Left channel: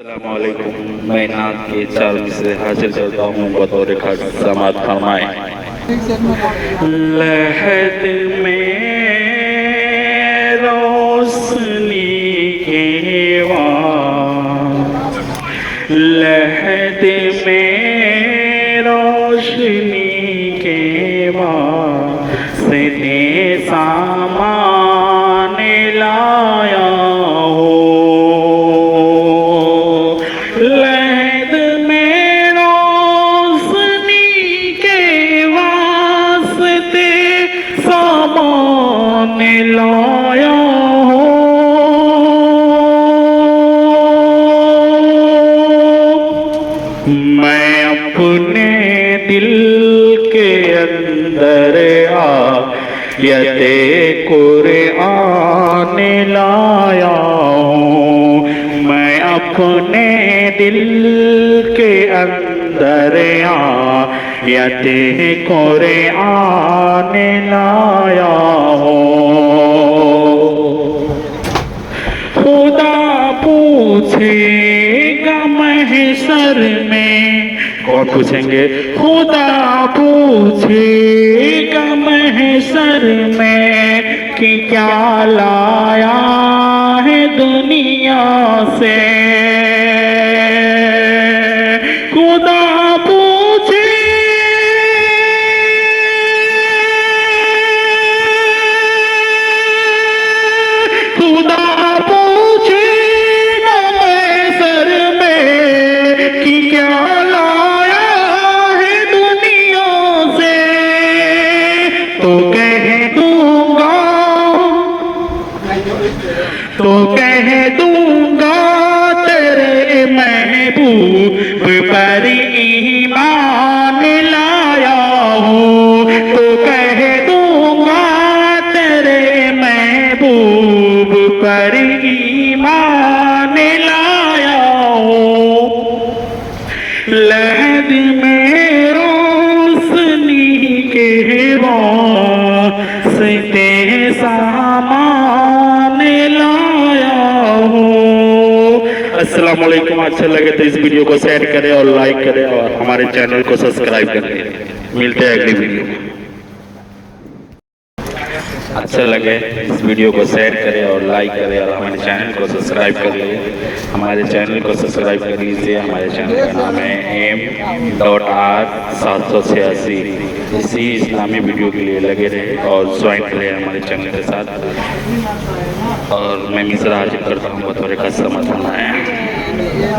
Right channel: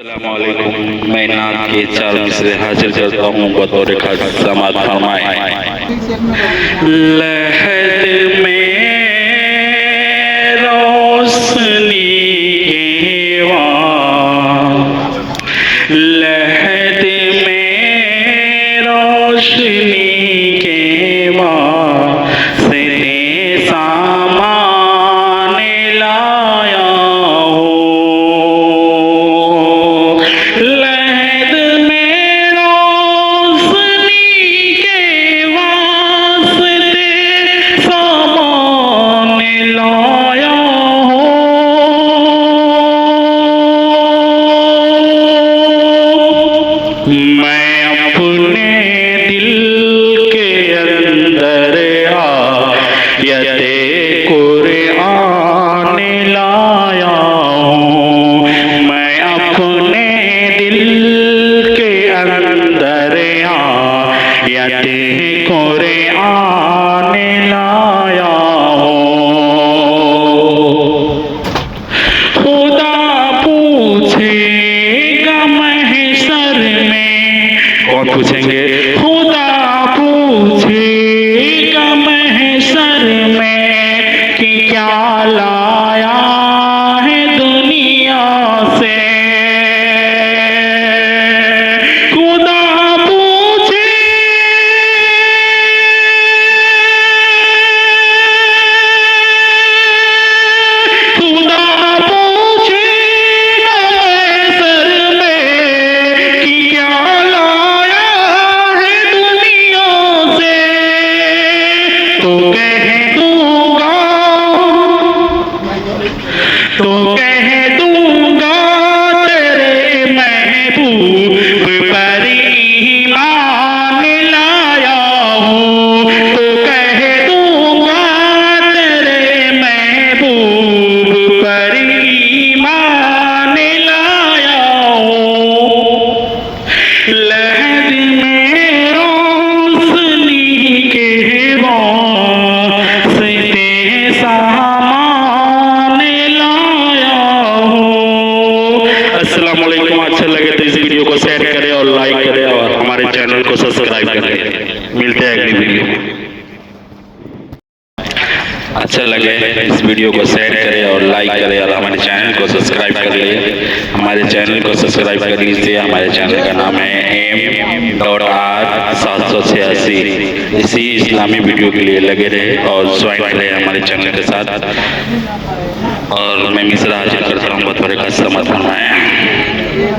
अस्सलामुअलैकुम। मैं नाम के चार मिसरे हाजिर करता हूँ बतौर खास समात फरमाए। लहद में रोशनी के लहद में रोशनी के से सामान लाया हो। लहद में रोशनी के वास्ते सामान लाया हो। मैं अपने दिल के अंदर आयते कुरान लाया हूँ। मैं अपने दिल के अंदर आयते कुरान लाया हूँ। खुदा पूछेगा महशर में, कौन पूछेंगे? खुदा पूछेगा महशर में कि क्या लाया है दुनिया से। खुदा पूछे खुदा तो कह दूंगा तेरे महबूब पर ईमान लाया हूँ। तो कह दूंगा तेरे महबूब पर ईमान लाया हूँ। लहद में रोशनी के अस्सलाम वालेकुम। अच्छा लगे तो इस वीडियो को शेयर करें और लाइक करें और हमारे चैनल को सब्सक्राइब करें। मिलते हैं अगली वीडियो में। अच्छा लगे इस वीडियो को शेयर करें और लाइक करें और हमारे चैनल को सब्सक्राइब कर लें। हमारे चैनल को सब्सक्राइब करने से हमारे चैनल का नाम है M.R.786। इसी इस्लामी वीडियो के लिए लगे रहे और ज्वाइन करें हमारे चैनल के साथ। और मैं मिसरा हाजिर करता हूँ बतौर का समर्थन है।